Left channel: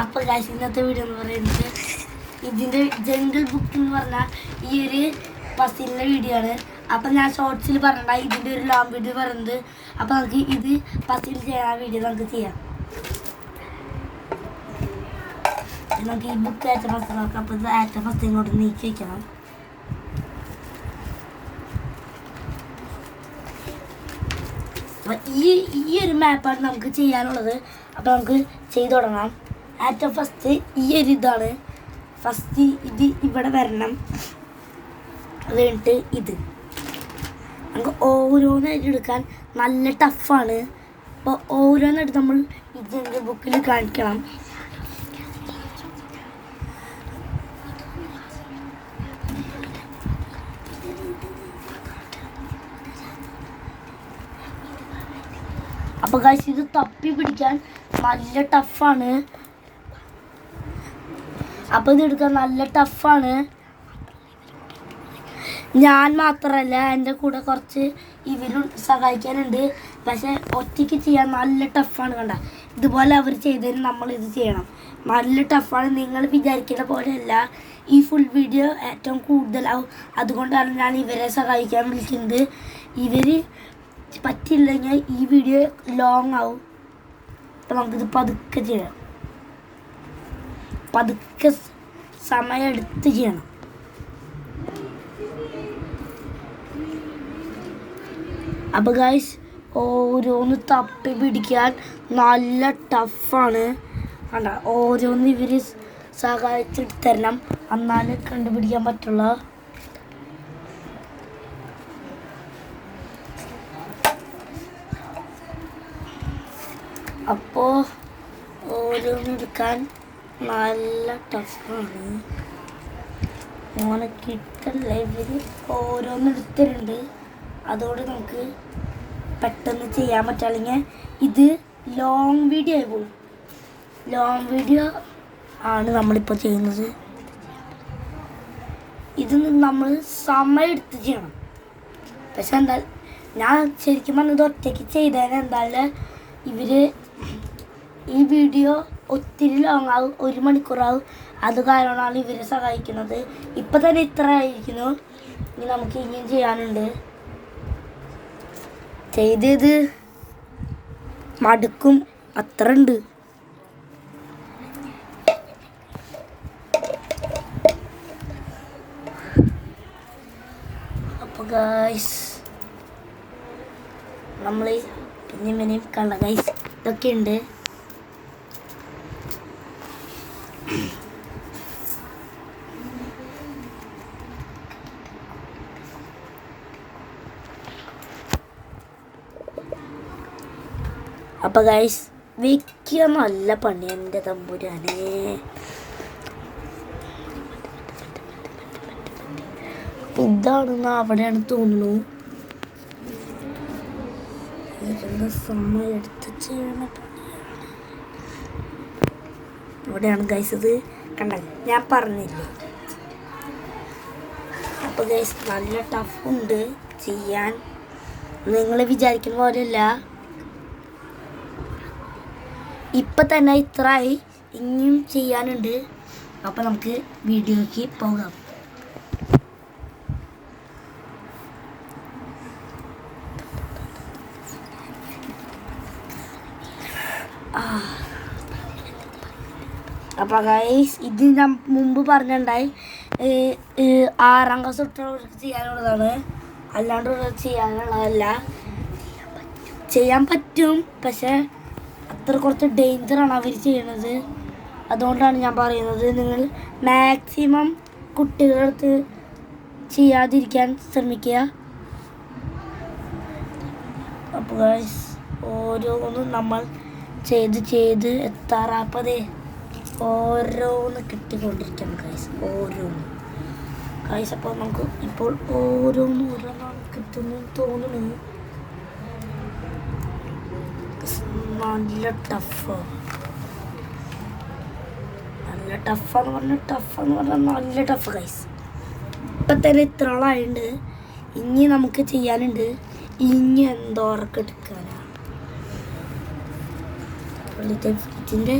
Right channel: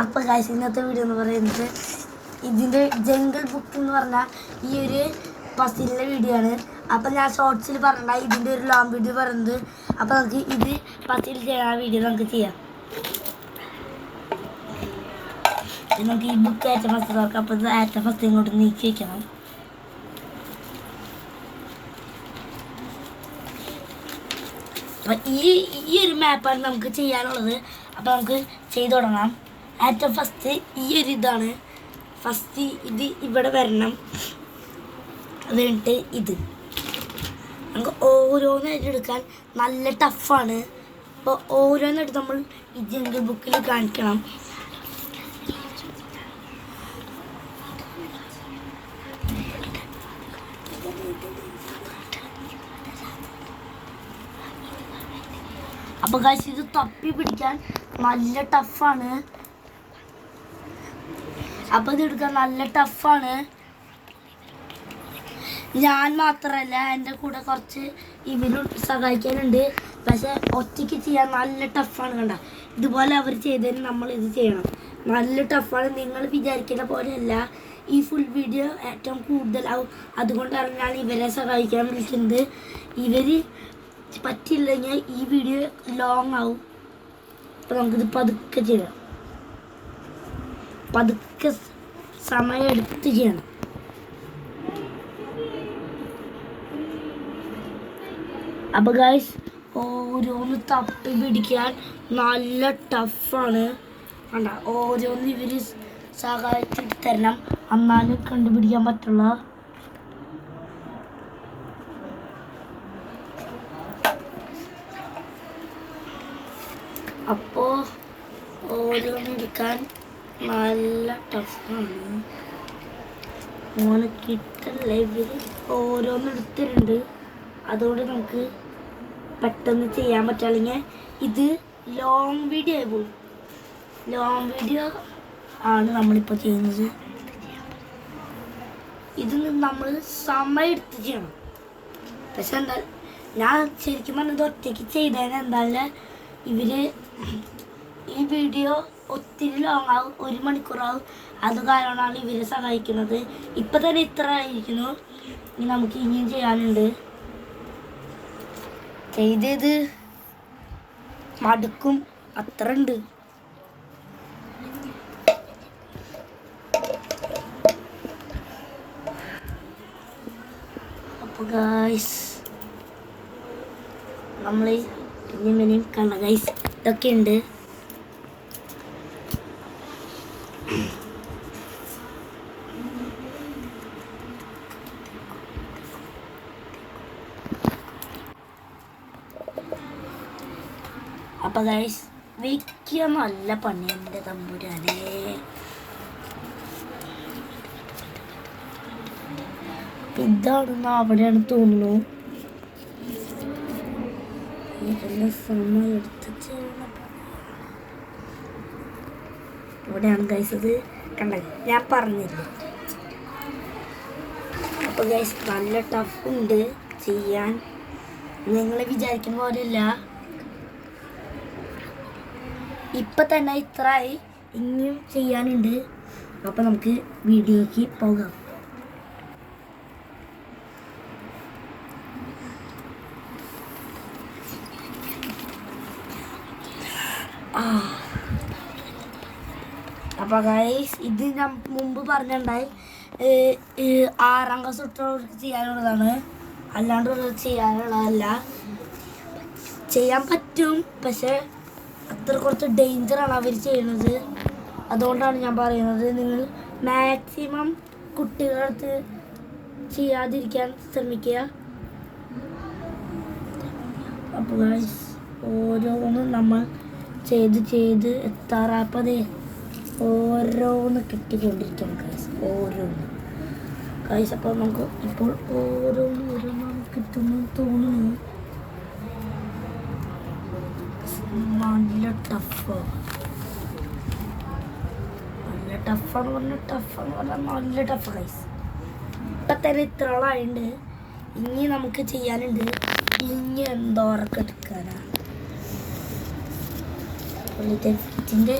അപ്പോൾ ഗൈസ് ഇന്നത്തെ വീഡിയോ എന്ന് പറയുന്നത് ഇതിൻ്റെ ജംഗിൾ ബുക്ക് എന്ന് പറഞ്ഞാൽ ഈ ഒരു പസിലിൻ്റെ വീഡിയോ ആണ്. അപ്പം ഞാൻ ഷോർട്സിൽ പറഞ്ഞ ഇതിൻ്റെ ഒരു ലോങ് വീഡിയോ പറയുന്നത്. അപ്പോൾ നമുക്ക് ഇത് പസിൽ ചെയ്യാൻ വീഡിയോ നമുക്ക് ചെയ്യാം. നമുക്ക് ഈ ബുക്ക് ഏറ്റ ഫസ്റ്റ് നോക്കാം. അപ്പോൾ ഇത് ഏറ്റ ഫസ്റ്റ് ഇങ്ങോട്ട് നീക്കി വയ്ക്കണം. അപ്പം ഈ ഒരു മാപ്പാണ് നമുക്ക് ചെയ്യാനുള്ളത്. അപ്പോൾ നമുക്ക് ചെയ്തു തുടങ്ങാം. ഏറ്റവും ഫസ്റ്റ് ഈ ഒരു ഇതാണ് ഫസ്റ്റ്. ഇത് ഇവിടെ വരണം. അത് കഴിഞ്ഞിട്ട് ഇത് നമുക്ക് ഓരോന്നായിട്ട് എടുക്കാൻ നല്ല ടഫാണ്. അപ്പോൾ ഓരോന്നായിട്ട് നമ്മൾ ഈ ജംഗിൾ ബുക്കിൽ കാണിക്കണം. അപ്പോൾ ഗൈസ് ഇത് തപ്പി പിടിക്കാൻ നല്ല ടഫാണ്. അപ്പോൾ ഇത് എടുക്കാൻ നല്ല ടഫാണ്. ഞാൻ മാത്രമല്ല, എൻ്റെ കൂടെ കുറച്ച് ഇവരും സഹായിക്കാനുണ്ട്. പക്ഷെ ഒറ്റയ്ക്ക് ചെയ്യാൻ നല്ല ടഫാണ്. കണ്ട ഇതുപോലെ അവർ ചെയ്തതിന് നമ്മൾ ഇത് ചെയ്യണം. നല്ല ടഫാണ്. നിങ്ങൾ വിചാരിക്കുന്ന പോലെയല്ല. ഈ ഫുൾ വീഡിയോ ഏറ്റവും കൂടുതലാവും. അതുകൊണ്ടാണ് ഞാൻ ഇവരെ സഹായിക്കാൻ വിളിക്കുന്നത്. ഇവർ പറ്റില്ലെങ്കിൽ ഈ വീഡിയോ ലോങ് ആവും. അപ്പം നമുക്കിത് പതുക്കെ ചെയ്യാം. പതുക്കെ സമയം എടുത്ത് ചെയ്യണം. അപ്പോൾ ഗൈസ് ഓരോന്ന് തപ്പി പിടിക്കാൻ നല്ല ടഫാണ്. കണ്ട ഓരോന്ന് ഇവർ സഹായിച്ചിട്ട് തരണം, എന്നാലും കണ്ടുപിടിക്കാൻ പറ്റുള്ളൂ. അപ്പോൾ ഓരോന്നെടുക്കാൻ നല്ല ടഫാണ്. മോനെ കിട്ടല്ല. ഇവർ ഓരോന്നെടുത്തിട്ടുണ്ട്. അതുകൊണ്ട് നമുക്ക് പെട്ടെന്ന് ചെയ്യാൻ പറ്റും. അല്ലെങ്കിൽ ഇത് ലോങ് വീഡിയോ ആയി പോകും. ലോങ് വീഡിയോ ആണ് നമ്മളിപ്പോൾ ചെയ്യുന്നത്. ഇത് നമ്മൾ സമയം എടുത്ത് ചെയ്യണം. പക്ഷെ എന്താ ഞാൻ ശരിക്കും പറഞ്ഞത് ഒറ്റയ്ക്ക് ചെയ്തതിന് എന്തായാലും ഇവർ ഈ വീഡിയോ ഒത്തിരി ലോങ് ആവും. 1 മണിക്കൂറാവും. അത് കാരണമാണ് ഇവരെ സഹായിക്കുന്നത്. ഇപ്പം തന്നെ ഇത്ര ആയിരിക്കുന്നു. ഇനി നമുക്ക് ഇനിയും ചെയ്യാനുണ്ട്. ചെയ്തത് മടുക്കും, അത്ര ഉണ്ട്. അപ്പോൾ ഗൈസ് നമ്മൾ ഇനിയും കണ്ട ഗൈസ് ഇതൊക്കെ ഉണ്ട്. അപ്പോൾ ഗൈസ് വെക്കാൻ നല്ല പണി. എൻ്റെ തമ്പുരാനെ, ഇതാണെന്ന് അവിടെയാണ് തോന്നുന്നു. സമയം എടുത്ത് ചെയ്യണ പണിയാണ്. ഇവിടെയാണ് ഗൈസ്. ഇത് കണ്ടല്ലേ, ഞാൻ പറഞ്ഞില്ലേ. അപ്പോൾ ഗൈസ് നല്ല ടഫുണ്ട് ചെയ്യാൻ. നിങ്ങൾ വിചാരിക്കുന്ന പോലെയല്ല. ഇപ്പം തന്നെ ഇത്രയായി, ഇനിയും ചെയ്യാനുണ്ട്. അപ്പോൾ നമുക്ക് വീഡിയോയ്ക്ക് പോകാം. അപ്പോൾ ഗൈസ് ഇത് ഞാൻ മുമ്പ് പറഞ്ഞിട്ടുണ്ടായി, 6ാം ക്ലാസ് തൊട്ടുള്ളവർക്ക് ചെയ്യാനുള്ളതാണ്. അല്ലാണ്ട് ചെയ്യാനുള്ളതല്ല. ചെയ്യാൻ പറ്റും, പക്ഷെ അത്ര കുറച്ച് ഡേഞ്ചറാണ് അവർ ചെയ്യണത്. അതുകൊണ്ടാണ് ഞാൻ പറയുന്നത്, നിങ്ങൾ മാക്സിമം കുട്ടികളുടെ അടുത്ത് ചെയ്യാതിരിക്കാൻ ശ്രമിക്കുക. അപ്പോൾ ഗൈസ് ഓരോന്ന് നമ്മൾ ചെയ്ത് എത്താറാപ്പതേ ഓരോന്ന് കിട്ടിക്കൊണ്ടിരിക്കണം ഗൈസ്. ഓരോന്ന് ഗൈസ്. അപ്പോൾ നമുക്ക് ഇപ്പോൾ ഓരോന്ന് കിട്ടുന്നു തോന്നുന്നു. നല്ല ടഫാണ്. നല്ല ടഫെന്ന് പറഞ്ഞാൽ നല്ല ടഫ് ഗൈസ്. ഇപ്പം തന്നെ ഇത്രോളായുണ്ട്. ഇനി നമുക്ക് ചെയ്യാനുണ്ട്. ഇനി എന്തോറൊക്കെ എടുക്കാനാണ്. ഇതിൻ്റെ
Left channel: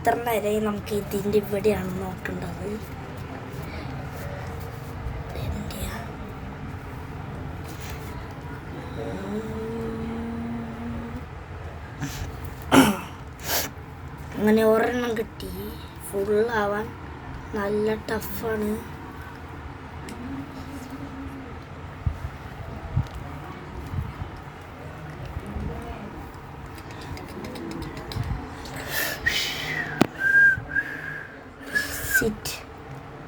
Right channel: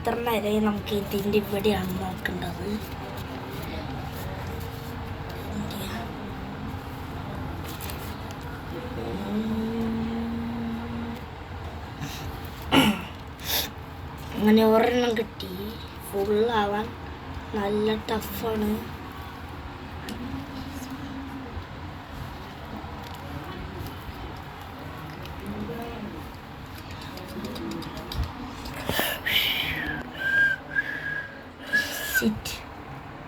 എത്ര നേരം നമുക്ക് ഇതിൻ്റെ ഇവിടെയാണ് നോക്കേണ്ടത്. അങ്ങനെ ഒരെണ്ണം കിട്ടി. ഫുള്ളാവാൻ നല്ല ടഫാണ്.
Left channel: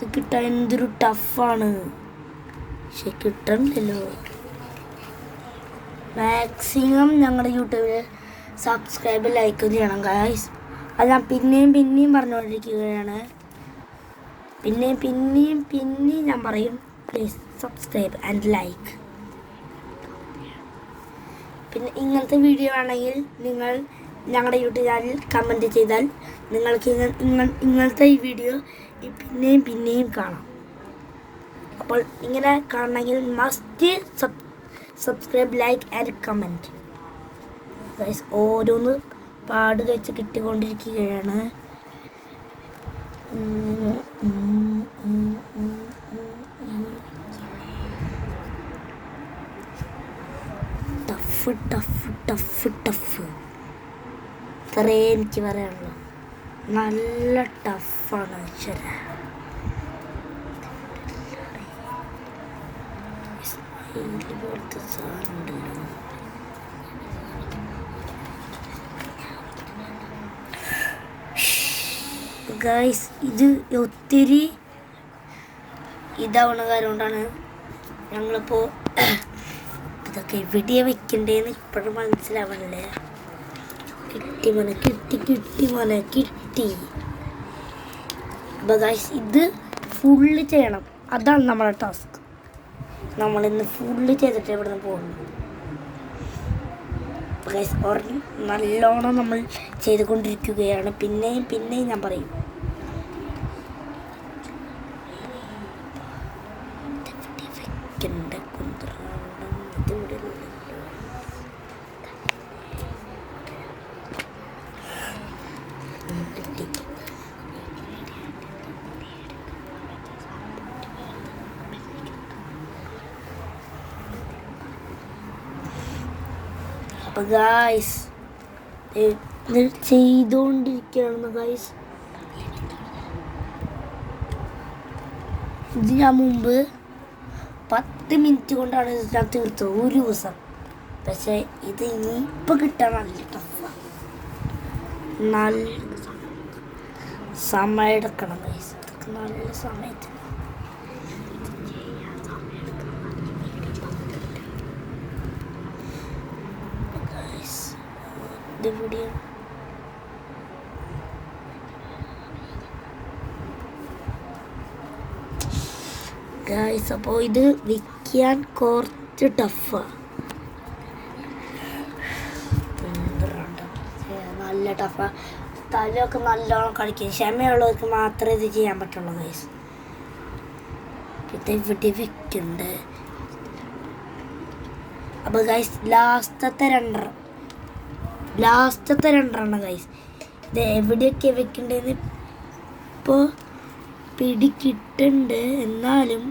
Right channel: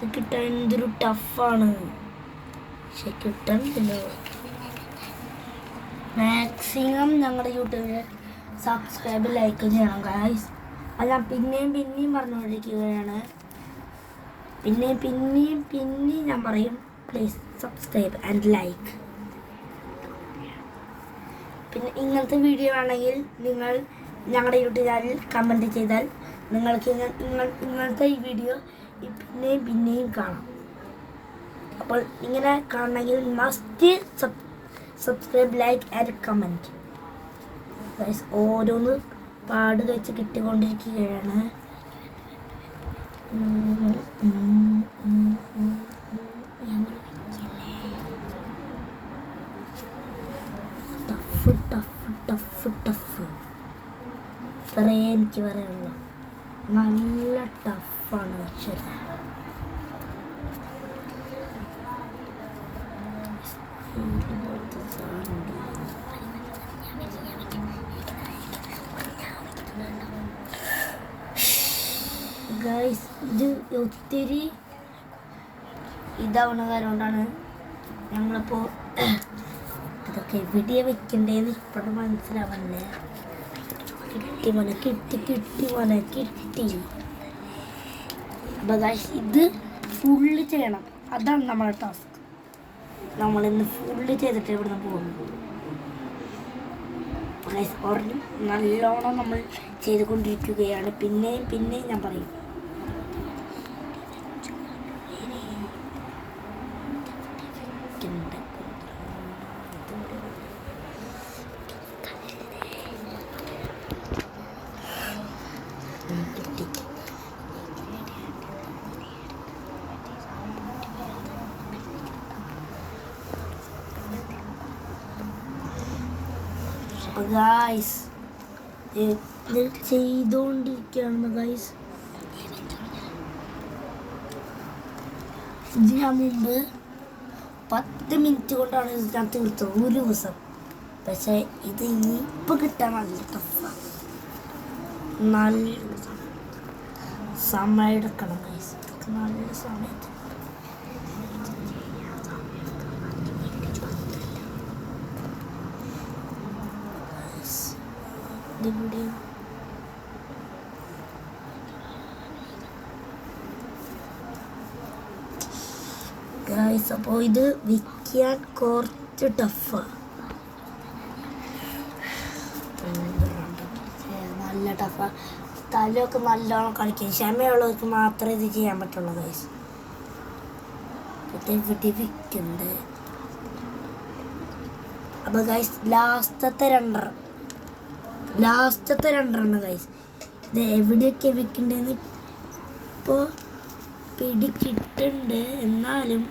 ഇത് കിട്ടാൻ എന്തൊരു ടഫാണ്. പക്ഷെ കിട്ടണില്ലല്ലോ. മാക്സിമം ഞങ്ങളുടെ യൂട്യൂബിൽ സബ്സ്ക്രൈബ് ലൈക്ക് ചെയ്യണം ഗൈസ്. അത് ഞാൻ പിന്നെയും പറഞ്ഞുകൊണ്ടിരിക്കുകയാണ്. പിന്നെയും ഞാൻ പറയും, പ്ലീസ് സബ്സ്ക്രൈബ് ആൻഡ് ലൈക്ക്. പിന്നെ ഇങ്ങനത്തെ വീഡിയോ ആണെങ്കിൽ നിങ്ങൾ ഞങ്ങളുടെ യൂട്യൂബ് ചാനൽ കമൻറ്റ് ചെയ്താൽ നിങ്ങൾക്ക് ഇങ്ങനത്തെ ഈ വീഡിയോ പിന്നെയും കാണാം. അപ്പോൾ ഇങ്ങനെ കാണണമെങ്കിൽ must subscribe like and comment. ഓരോന്ന് പാട് വെച്ച് കിട്ടിക്കൊണ്ടിരിക്കുകയാണ്. ടഫ് ഇത്രേ എനിക്ക് പറയാനുള്ളൂ. നല്ല ടഫാണ്. ശരി, ഗൈസ് ഇത് ഒത്തിരി ഇതാവുന്ന കാര്യം കൊണ്ടാണ് ഞങ്ങളിപ്പോൾ ഇതൊക്കെ എവിടെയാണ് വെക്കണ്ടേന്ന് ഇപ്പോഴും മനസ്സിലാവണല്ലേ. കിട്ടി. അപ്പോൾ ഗൈസ് ഇത് ഫുള്ള് ചെയ്യണം. അതാണ് നമ്മുടെ ടാസ്ക്. നമ്മളിന്ന് ഫുള്ള് ചെയ്തിട്ട് ഇവിടെ നിന്ന് പോകുന്നു. ഗൈസ് ഒരെണ്ണം നല്ലോണം നമ്മൾ ചെയ്തുകൊണ്ടിരിക്കുകയാണ്. പിന്നെയും ഞാൻ പറയും, അപ്പോൾ ഗൈസ് ഇത് ചെയ്തുകൊണ്ടിരിക്കുകയാണ് ഗൈസ്. ഇത് ഞാൻ മുമ്പ് 10 മിനിറ്റ് കൊണ്ടാണ് ഇത് ഞാൻ തീർത്തത് ഒരു ദിവസം. പക്ഷേ ഇത് ഇനിയിപ്പോൾ കിട്ടാൻ നല്ല ടഫാണ്. നല്ല സമയം എടുക്കണം ഗൈസ്. ഇതൊക്കെ നല്ല സമയത്ത് ഗൈസ്. അപ്പോൾ ഇത് വിൽക്കാൻ കുറച്ച് ടഫാണ്. നല്ല ടഫാണ്. തലയൊക്കെ നല്ലോണം കളിക്കും. ക്ഷമയുള്ളവർക്ക് മാത്രമേ ഇത് ചെയ്യാൻ പറ്റുള്ളൂ ഗൈസ്. ഇത് ഇവിടെ വെക്കുന്നുണ്ട്. അപ്പോൾ ഗൈസ് ലാസ്റ്റത്തെ രണ്ടെണ്ണം ഗൈസ്. ഇത് എവിടെയൊക്കെ വെക്കണ്ടെന്ന് ഇപ്പോൾ പിടി കിട്ടുന്നുണ്ട്. എന്നാലും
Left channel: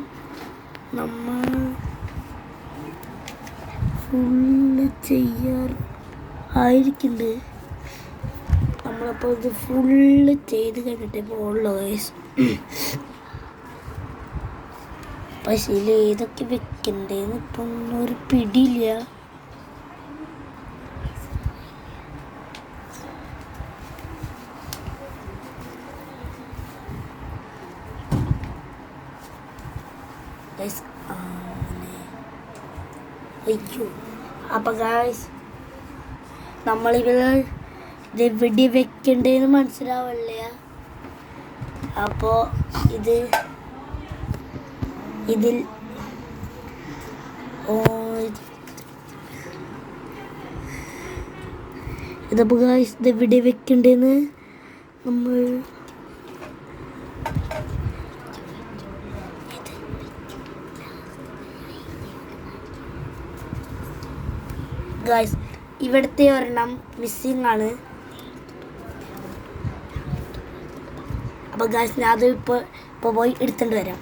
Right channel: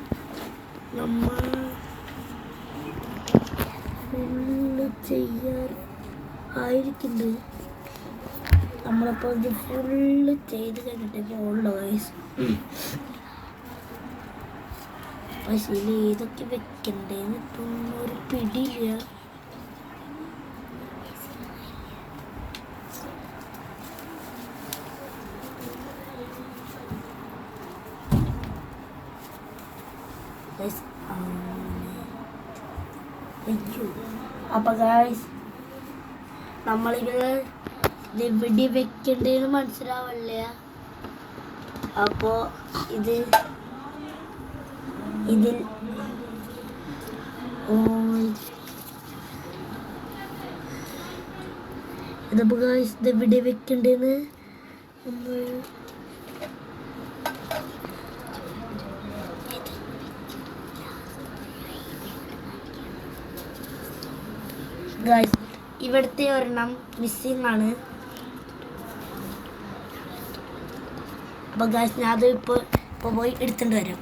നമ്മൾ ഫുള്ള് ചെയ്യാൻ ആയിരിക്കുന്നുണ്ട്. നമ്മളിപ്പോൾ ഇത് ഫുള്ള് ചെയ്ത് കഴിഞ്ഞിട്ടേ പോകുള്ളൂ ഗൈസ്. പക്ഷേ ഇതിൽ ഏതൊക്കെ വെക്കണ്ടേന്ന് ഇപ്പം ഒരു പിടിയില്ല. അപ്പോൾ ഗൈസ് നമ്മളിവിടെ ഇതെവിടെ വെക്കണ്ടേന്ന് മനസ്സിലാവില്ല. അപ്പോൾ ഇതിൽ ഇതിപ്പോൾ ഗൈസ് ഇതെവിടെ വെക്കണ്ടേന്ന് നമ്മൾ ഗൈസ് ഇവിടുത്തെ ഒരെണ്ണം മിസ്സിംഗ് ആണ്. അപ്പോൾ ഗായ്സ് ഞാൻ അത് ഇപ്പോൾ പോയി എടുത്തുകൊണ്ട് വരാം.